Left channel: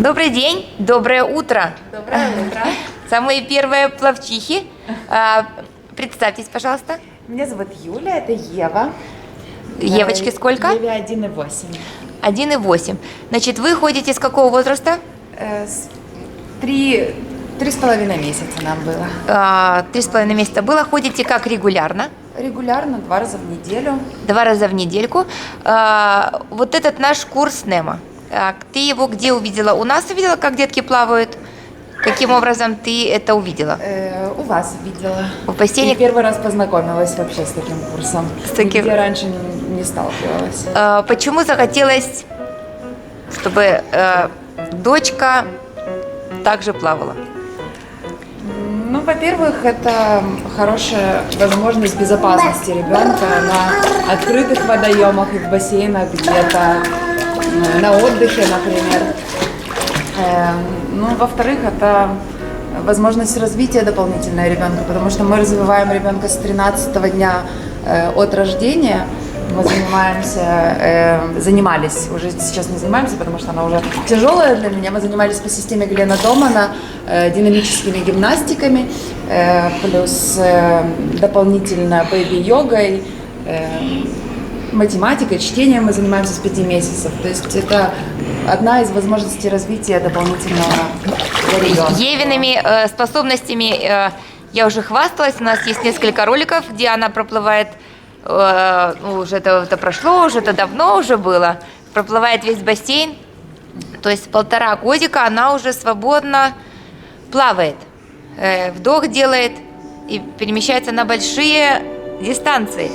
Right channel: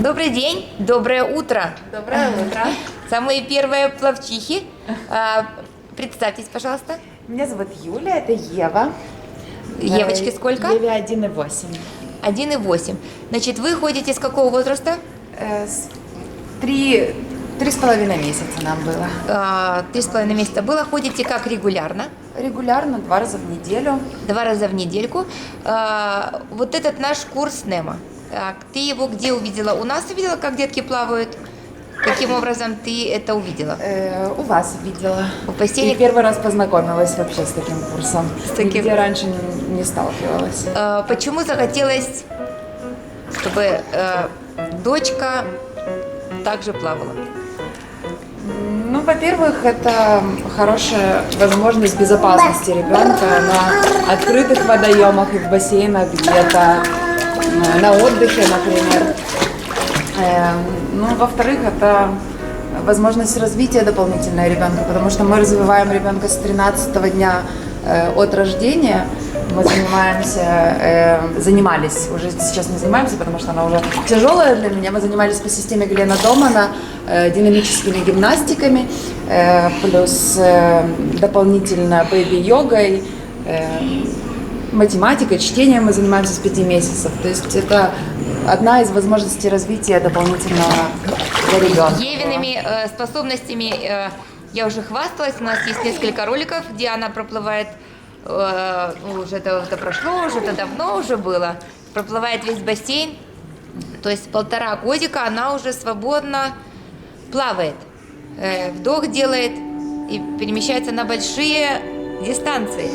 Добрый день, доброе утро. Доброе утро. Самые первые пловчихи. Представьтесь, пожалуйста. Меня зовут Юля, это Ева. Евочке сколько? Еве 1,8. 1,8. Значит, вы ходите с какого возраста? 3,5 месяца нам было. 3,5 месяца было. Ходите как регулярно? Регулярно, 2 раза в неделю. 2 раза в недельку. Вот этот наш курс НЕМа. Ты его где увидела? У нас увидела, как детки плавают? Каким образом ты это увидела? У вас видела. В бассейне? И первый раз познакомилась вообще с таким курсом. Нигде раньше не сталкивалась. Почему захотелось, чтобы дочка также плавала? Ну, во-первых, это хорошая возможность безопасности ребенка на открытых водоемах и в бассейнах где-то, на отдыхе, например. Ну, во-вторых, это возможность развития дополнительного ребенка, потому что мы развиваем ребенка с 13-го дня от рождения. Мы занимались, уже сейчас не занимаемся, потому что она уже тяжелая для меня. Мы занимались по системе Глена Домана динамическими гимнастиками, плюс дополнительно бэйби-йогой, математикой, чтением мы занимаемся с 5 месяцев. То есть это одна из возможностей развития дополнительного для ребенка. Евиными способностями я уже хвасталась. У нас есть несколько роликов, где она проплывает, уже это прошло, уже это давно уже было, проплывает весь бассейн. То есть 1,5 годика она уже свободно плавает, вдох делает и перемещается на большие дистанции.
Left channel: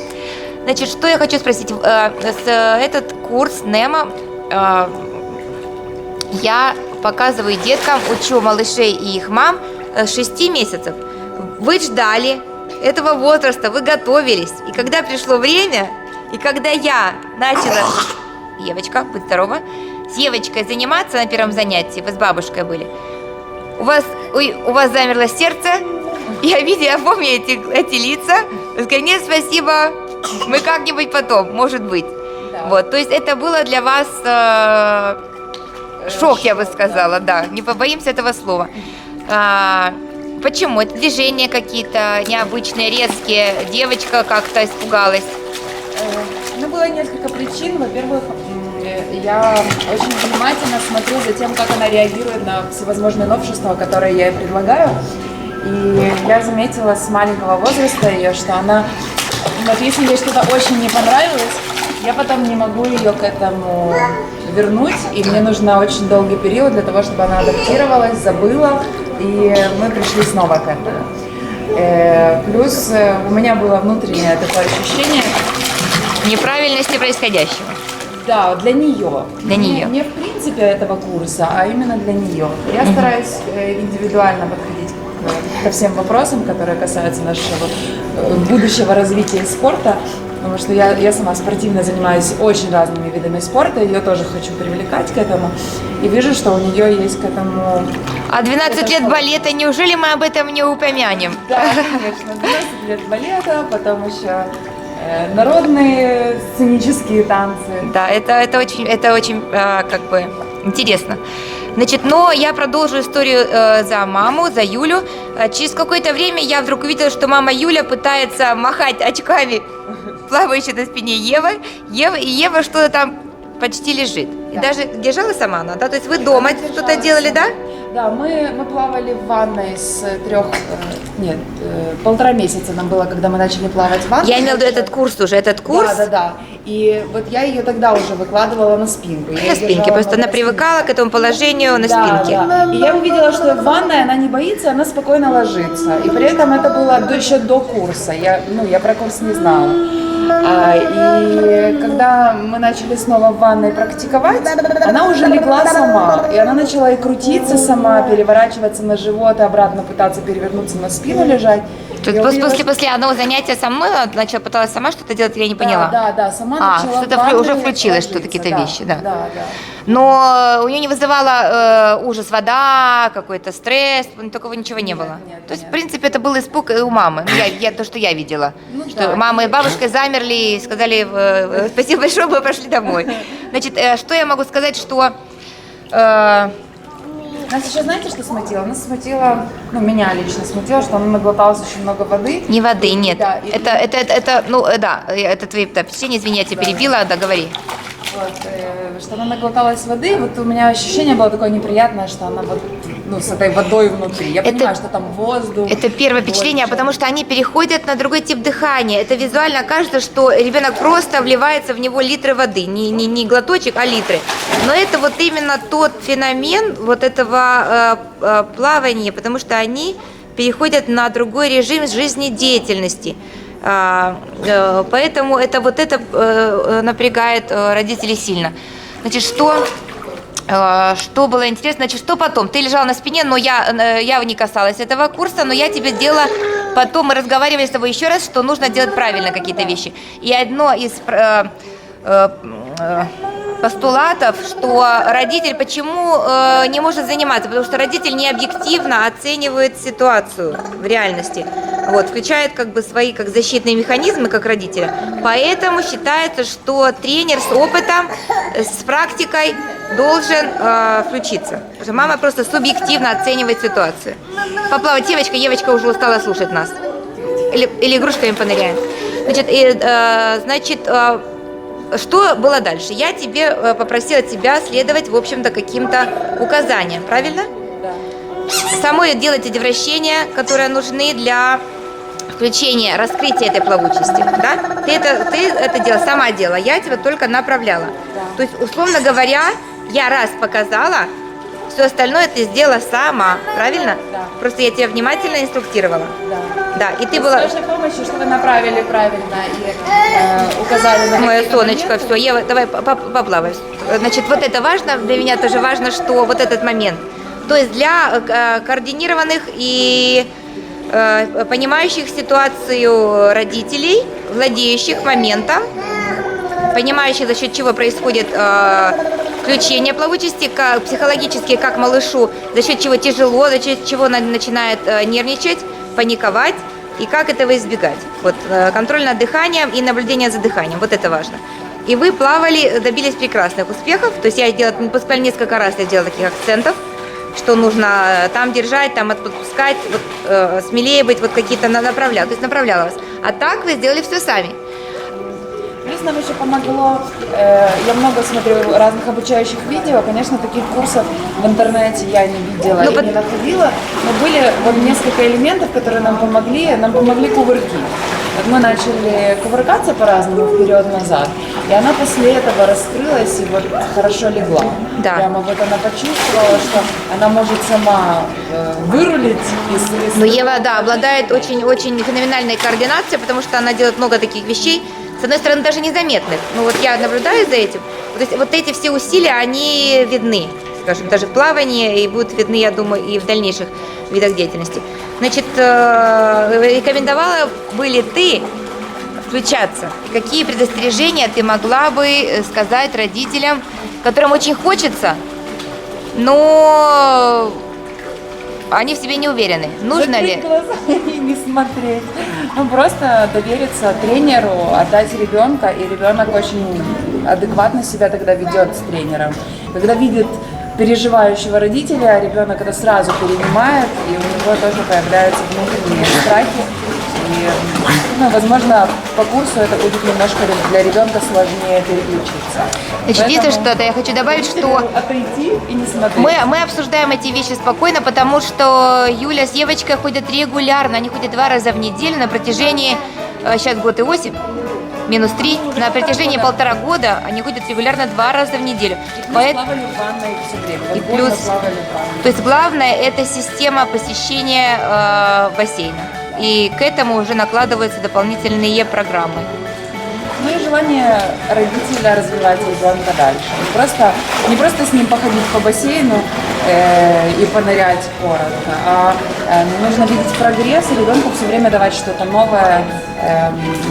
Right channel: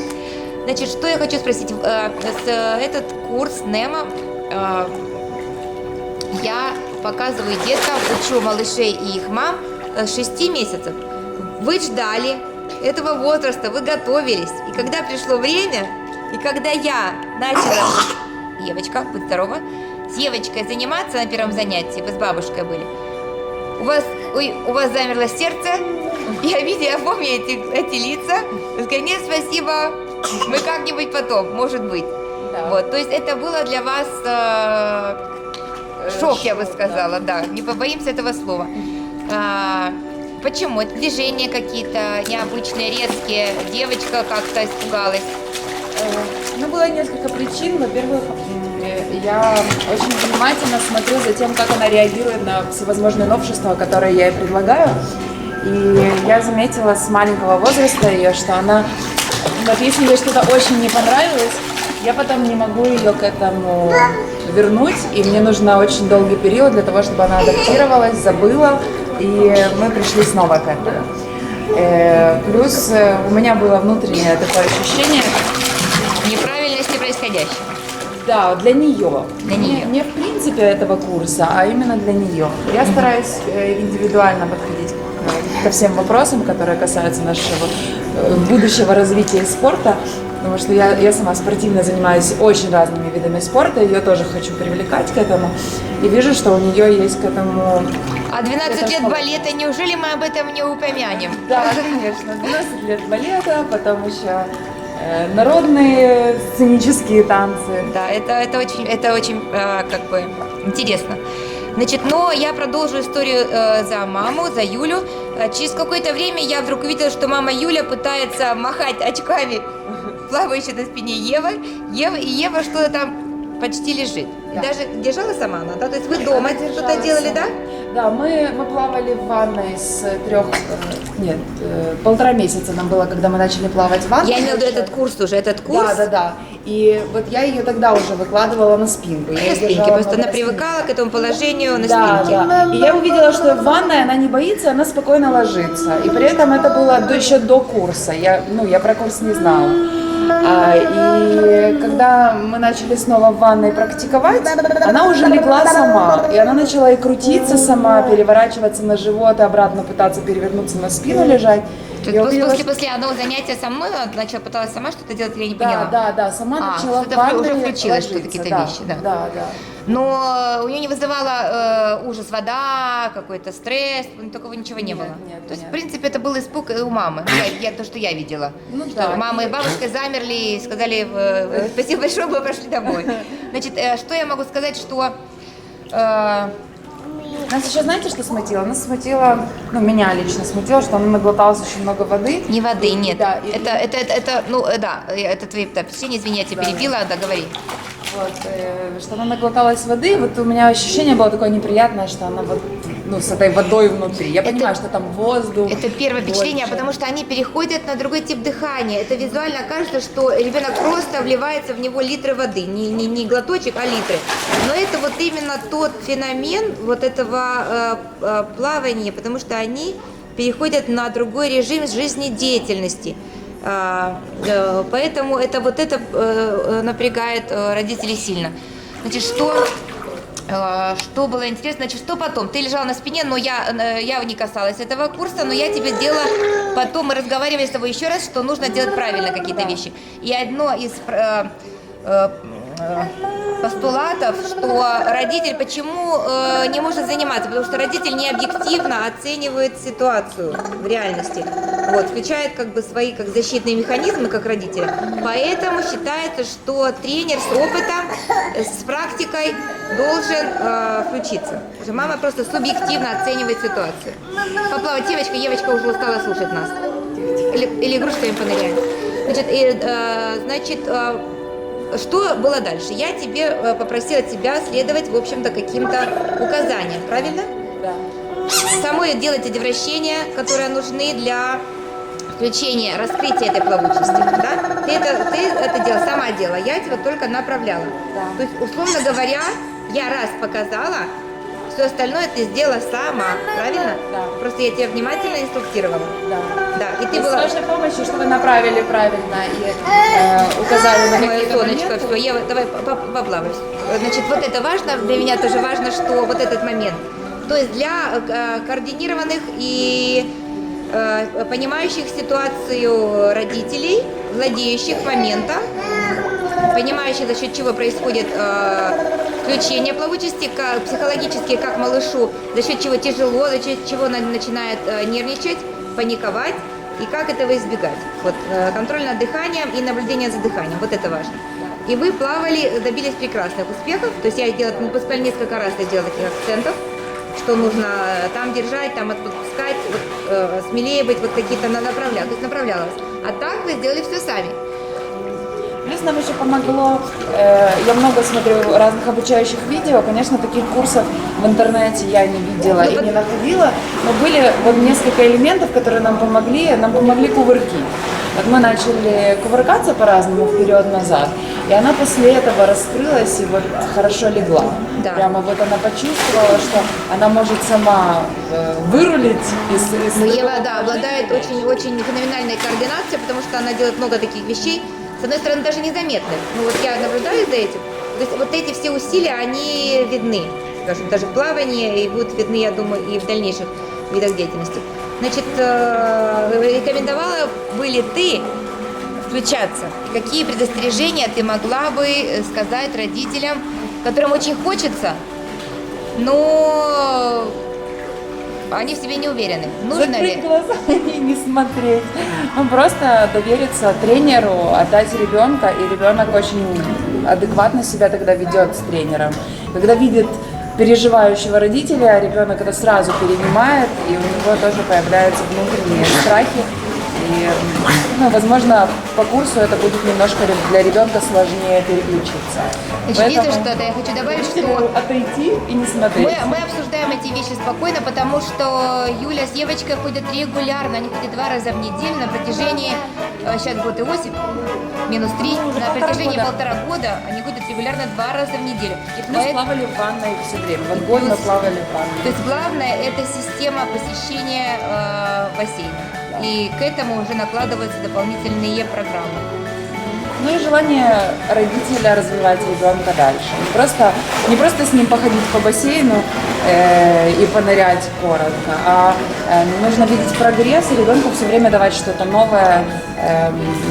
Значит, что я хочу спросить. Этот курс НЕМа я показываю деткам, учу малышей и их мам с 6 месяцев. Вы ждали этого возраста, вы готовились. И когда пришло время, и когда я начала, Евочка, будь здорова, с Евочкой заниматься на первом занятии, вы с бабушкой были, у вас замерло сердце, я помню эти лица, вы сказали: нет, спасибо, мы как-нибудь потом, может быть. Да. Вот, то есть это было для вас шок, я бы сказала, да, не побоимся этого слова. Почему? Это движения какие-то необычные, резкие, девочка как-то испугалась? Ну, было несколько причин. Во-первых, я очень внимательно смотрю за тем, как она реагирует на всевозможные новшества, которые я ей предлагаю. И я заметила с маленького возраста ее, что она, вот если ей что-то очень не понравилось, я потом не могу ее к этому вернуть, и мне нужно очень долгий период для того, чтобы она адаптировалась, забыла, и мы пришли снова к этому. Плюс у меня было внутреннее такое ощущение неправильности происходящего. Да, для нее. Для нее. Не в принципе этого курса, а именно для нее. Я стараюсь индивидуально подходить ко всем вопросам, которые касаются нашего будущего развития и спорта, потому что я сама спортивно занимаюсь очень разными видами спорта, ее тоже хочу привлекать к этому, и вижу, что у нее есть к этому... А 12 лет балета, неужели мы об этом не упомянем? Да, конечно, 12 лет балета, потом еще народные сценические танцы. Да, это очень как бы интересно. Значит, но я продолжу историю за маму, за Юлю. Через какое-то время я вдруг увидела, что мама Юля пытается махать очками, плавающей на спине Евы, и Ева что-то там почти лежит. Да. И даже держала сама она, да? То есть вы дома что-то делали, да? Да, мы плавали в ванной с 1,5 месяца нам было, когда мы начали плавать в ванной. Я имела в виду этот курс уже, этот курс. Да. И вот я ее тогда уже выкладывала на спинку. На спинке, просто она привыкала к этому положению на спинке. Да. И я увидела, что в ванной она не боится, она спокойно ложится. И при этом это было еще до курса. Я про курс не знала. И когда мы начали снова в ванной практиковать, она уже легла сама, и она начала и крутиться сама, переворачиваться на живот, и обратно пытаться перевернуться на спину лежать. После одного занятия со мной она пыталась сама что-то делать, я не поняла. Да, сама начала что-то уже включилось, что какие-то вещи, да. Да. Но у нее не вызывала ужас вода, какой-то стресс, такого ничего не было. Нет, То есть, в принципе, это был испуг у мамы, то, что я видела. Что мама и бабушка замерли и сказали: спасибо большое, мы пошли домой. Значит, что я могу сказать, что Нас еще, знаете, что смутило? Нас смутило, ну, меня лично смутило, что она наглоталась очень много воды. Не воды, нет. Да, Это твои впечатления, извини, я тебя перебила, да, говори. Вот, что она наглоталась воды, вот у меня ощущение было такое неприятное, что она вот, ну, с этой водой внутри. Я понимаю, что там воздух. Это первое впечатление, потому что они переходят на другой тип дыхания. Это визуально кажется, что ребенок просто вливается в него литры воды, не глоточек, а литры. Но это вот именно тот феномен вот этого плавания, потому что они переходят на другой режим жизнедеятельности. Поэтому это напрягает родителей сильно. Значит, что было интересно, значит, что потом? Ты лежала на спине, но я не касалась этого курса, но я тебе делала, потом мы разговаривали с тобой еще раз, что нужно делать правильно какие-то вещи. И одно из постулатов, что родитель почему не может заниматься, потому что родитель не объективно оценивает ситуацию в реальности, вот, включает как бы свои как защитные механизмы как родителя, поэтому считается, что тренер с опытом, с практикой должен включиться, потому что мама просто субъективно оценивает ситуацию. Поплавать, Евочка уже устала слушать нас, или игрушками поныряем. Значит, что было дальше? Я тебе попросила тебя следовать, в общем-то, каким-то указаниям, правильно? Да. Самой делать эти вращения, которые нужны для включения, раскрытия этой плавучести, да? Ты это делала, сама делала, я тебя только направляла. Да. То есть, условно говоря, я раз показала, все остальное ты сделала сама, правильно? Да. Просто я тебя внимательно инструктировала. Да. Да, и ты была... С вашей помощью, что вы направили правильно и указали на Мое какие-то солнечко, моменты. все, Ева, давай поплавай. Значит, вот это важно, для меня тоже важно, что вот этот момент. То есть для координированных и понимающих ситуацию родителей, владеющих моментом, понимающих, за счет чего происходит включение плавучести, психологически, как малышу, за счет чего тяжело, за счет чего начинает нервничать, паниковать, и как этого избегать. Вот контроль над дыханием и наблюдение за дыханием, вот это важно. И вы плавали, добились прекрасных успехов, то есть я буквально несколько раз я делала таких акцентов, что нужно там держать, там отпускать, вот, смелее быть, вот какие-то направляла, то есть направляла вас. А так вы сделали все сами. Плюс нам еще помогло, я много смотрю разных обучающих видео, конечно, таких курсов в интернете я не видела и не находила, но были вот несколько элементов, которые нам помогли кувырки. Вот мы начали кувыркаться по-разному вперед-назад, и она после этого раскрылась и вот хорошо легла. Да. Прямо вот она почувствовала, что она может сама вырулить из... Но Ева, да, обладает очень феноменальной координацией, потому что она делает много таких вещей, с одной стороны, даже незаметных. Ну вот я наблюдаю за этим. То есть вот эти все усилия, они видны, скажем, даже в плавании, и будут видны, я думаю, и в дальнейших видах деятельности. Значит, рекомендовала бы ли ты включаться? Какие предостережения ты могла бы сказать родителям, которым очень хочется, но они в себе не уверены? Нужно Закрыть ли? глаза и не смотреть. Ну, просто довериться тренеру, отдать ребенка, и ребенок очень адекватно себя тогда ведет с тренером. Когда видит переживающего родителя, ребенок это сразу перенимает, и у него тоже появляются внутренние страхи. И, ну, возможно, по курсу это будет немножко для ребенка сложнее переключиться. Значит, если что-то я хочу добавить, что отойти и не смотреть. мы обсуждаем эти вещи спокойно, потому что Юля с Евочкой ходят регулярно, они ходят 2 раза в неделю на протяжении, сейчас год и 8, -3, на протяжении 1,5 года они ходят регулярно 2 раза в неделю. И плюс плавали в ванной все время. И Вот год мы плюс- плавали в ванной. То есть главное это система посещения бассейна. И к этому уже накладываются дополнительные программы. Ну и желание родителя развивать ребенка дальше. Не просто с ним походить по бассейну и понырять коротко, а нужно видеть прогресс и ребенку все время давать что-то новое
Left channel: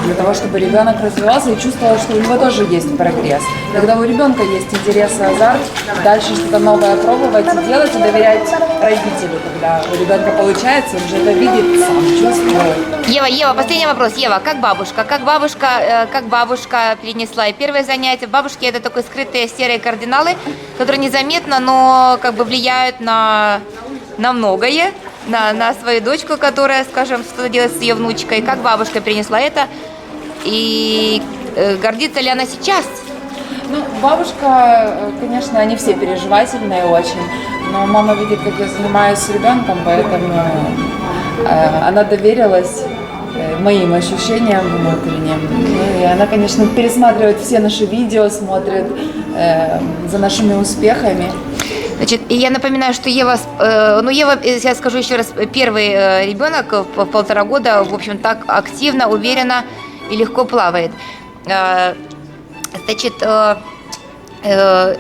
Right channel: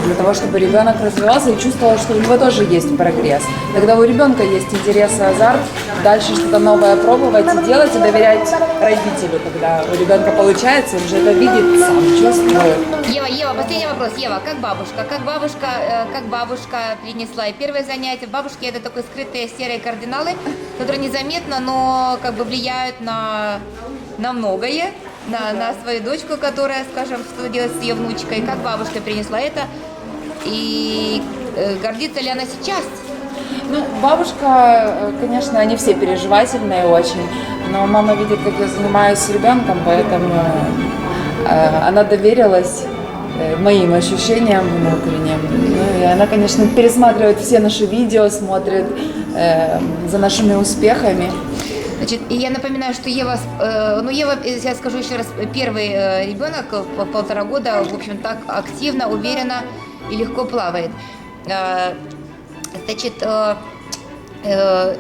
для того, чтобы ребенок развивался и чувствовал, что у него тоже есть прогресс. Когда у ребенка есть интерес и азарт, дальше что-то новое пробовать и делать, и доверять родителю. Когда у ребенка получается, он уже это видит, сам чувствует. Ева, последний вопрос. Ева, как бабушка? Как бабушка бабушка перенесла. И первое занятие бабушки — это такой скрытые серые кардиналы, которые незаметно, но как бы влияют на многое, на свою дочку, которая, скажем, что делать с ее внучкой, как бабушка перенесла это, и гордится ли она сейчас? Ну, бабушка, конечно, они все переживательные очень, но мама видит, как я занимаюсь с ребенком, поэтому она доверилась моим ощущениям внутренним. Ну, и она, конечно, пересматривает все наши видео, смотрит за нашими успехами. Значит, и я напоминаю, что Ева, Ева, я скажу еще раз, первый ребенок в 1,5 года, в общем, так активно, уверенно и легко плавает. Значит,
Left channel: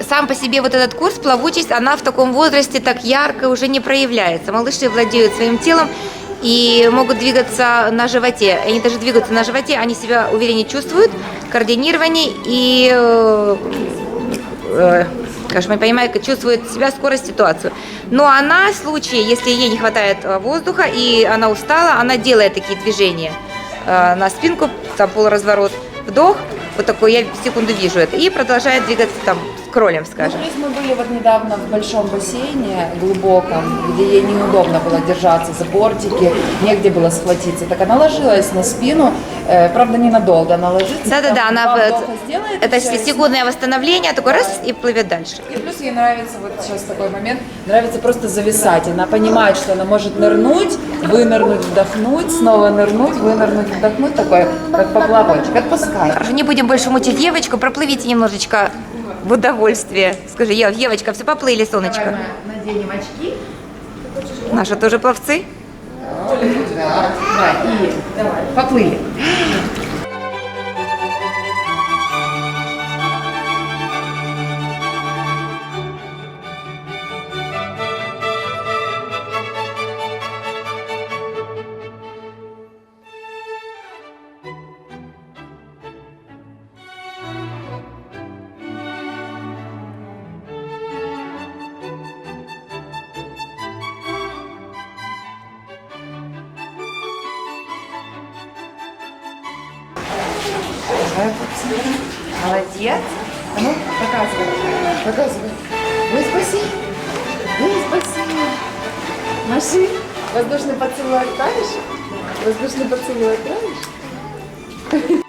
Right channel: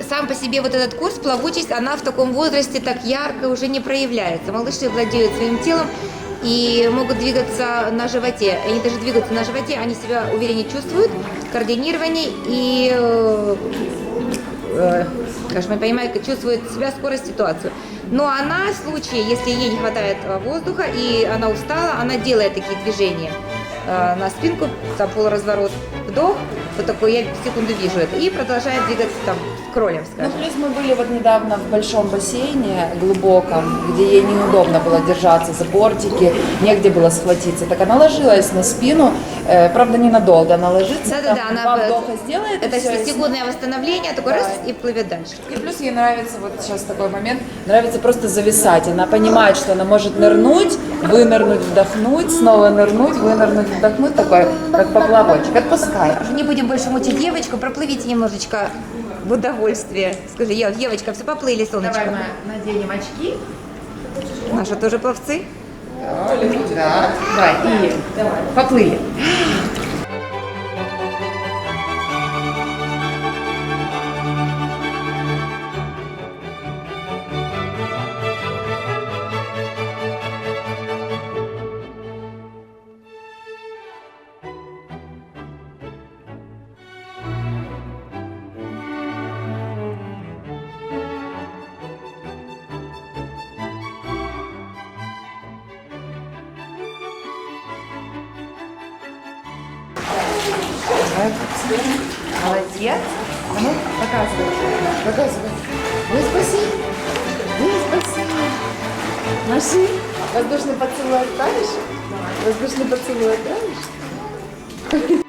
сам по себе вот этот курс «Плавучесть», она в таком возрасте так ярко уже не проявляется. Малыши владеют своим телом и могут двигаться на животе. Они даже двигаются на животе, они себя увереннее чувствуют, координированнее и, скажем, я понимаю, чувствует себя, скорость, ситуацию. Но она, в случае, если ей не хватает воздуха и она устала, она делает такие движения на спинку, там полуразворот, вдох, вот такой, я в секунду вижу это, и продолжает двигаться там с кролем, скажем. Ну, плюс мы были вот недавно в большом бассейне, глубоком, где ей неудобно было держаться за бортики, негде было схватиться. Так она ложилась на спину, правда, ненадолго она ложится. Да-да-да, она сделает. Это секундное восстановление, такой раз и плывет дальше. И плюс ей нравится, вот сейчас такой момент, нравится просто зависать. Она понимает, что она может нырнуть, вынырнуть, вдохнуть, снова нырнуть, вынырнуть, вдохнуть, такой, как поплавочек. Отпускай. Не будем больше мучить девочку, проплывите немножечко в удовольствие. Скажи, Евочка, все, поплыли, солнышко. Давай мы наденем очки. Наши тоже пловцы. Да. Давай, поплыли. Молодец. А ну, показывай. Ой, спасибо. Ой, спасибо. Маши, воздушный поцелуй отправишь? Воздушный поцелуй отправишь?